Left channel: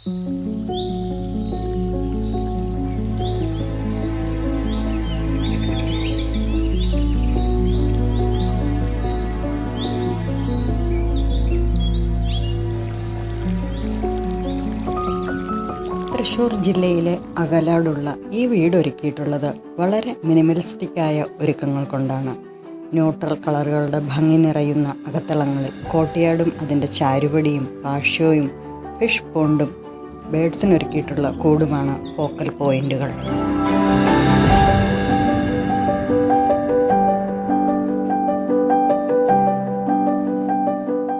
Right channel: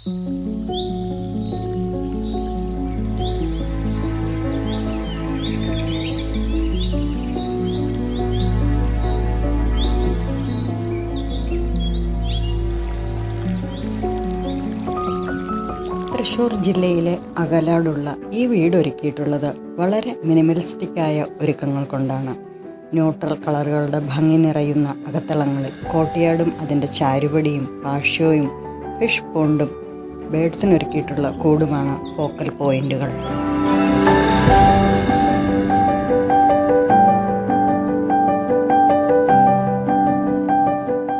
തൃശ്ശൂർ ജില്ലയിലെ അകലാടുള്ള ഈ വീട് ഒരുക്കിയിട്ടുള്ളത് വളരെ മിനിമലിസ്റ്റിക്കായ ഒരുക്കങ്ങൾ കൊണ്ടാണ്. ന്യൂട്രൽ കളറുകളുടെ ഭംഗി നിറയുന്ന അകത്തളങ്ങളിൽ കോട്ടിയാടും അതിൻ്റെ ചാരുപടിയും പാഷ്യോയും ഫിഷ് പോണ്ടും ബേഡ്സിനൊരുക്കിയിട്ടുള്ള കൂടുമാണ് ഫോക്കൽ പോയിന്റുകൾ.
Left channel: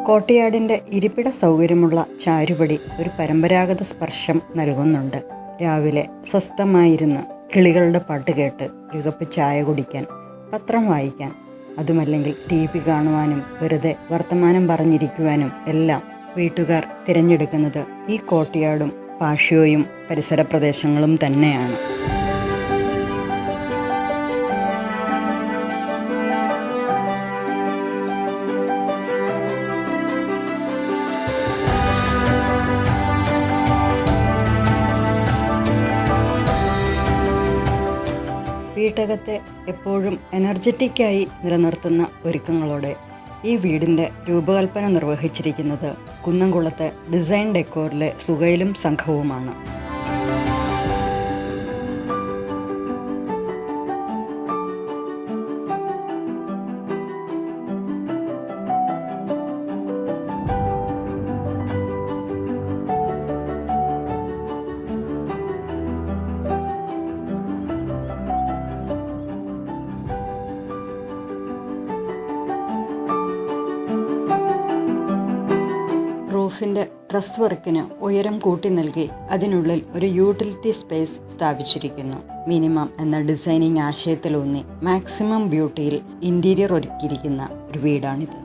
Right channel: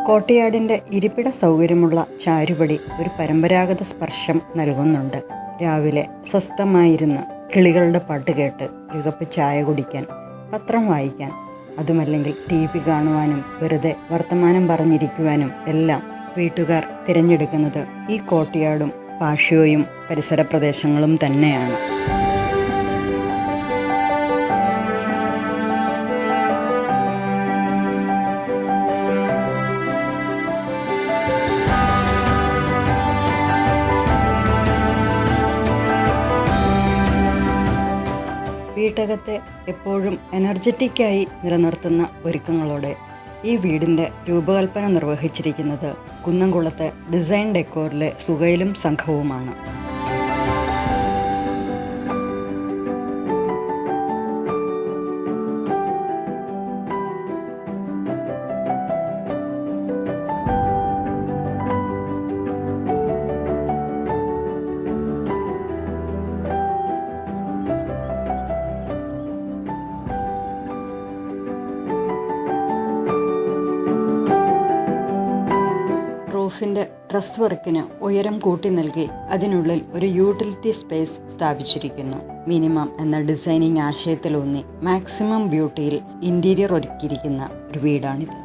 കോട്ടിയാടിൻ്റെ ഇരിപ്പിട സൗകര്യമുള്ള ചാരുപടി ഒരു പരമ്പരാഗത സ്പർശം നൽകുന്നുണ്ട്. രാവിലെ സ്വസ്ഥമായിരുന്ന് കിളികളുടെ പാട്ട് കേട്ട് ഒരു കപ്പ് ചായ കുടിക്കാൻ, പത്രം വായിക്കാൻ, അതുമല്ലെങ്കിൽ TV കാണുവാനും വെറുതെ വർത്തമാനം പറഞ്ഞിരിക്കുവാനും എല്ലാം വീട്ടുകാർ തിരഞ്ഞെടുക്കുന്നത് ഈ കോട്ടിയാടും പാഷ്യോയും പരിസര പ്രദേശങ്ങളും തന്നെയാണ്. വീട്ടകത്തെ എപ്പോഴും എനർജറ്റിക്കായി നിലനിർത്തുന്ന ഒരുക്കങ്ങളോടെ ഈ വീടിൻ്റെ രൂപകൽപ്പന നിർവഹിച്ചിരിക്കുന്നത് കുന്നംകുളത്തെ ഡിസൈൻ ഡെക്കോറിലെ സുഹൈലും സംഘവുമാണ്. റൂഫിൻ്റെ ട്രസ് വർക്കിന് ഉയരം കൂട്ടി നൽകി അതിനുള്ളിൽ ഒരു യൂട്ടിലിറ്റി സ്പേസ് സ്ഥാപിച്ചിരിക്കുന്നു. മിനിമം എന്ന ഡിസൈനിങ് ആശയത്തിലൂന്നി മാക്സിമം ബ്യൂട്ടിയിൽ ഇൻറ്റീരിയർ ഒരുക്കിയിരിക്കുന്ന ഒരു വീടാണിത്.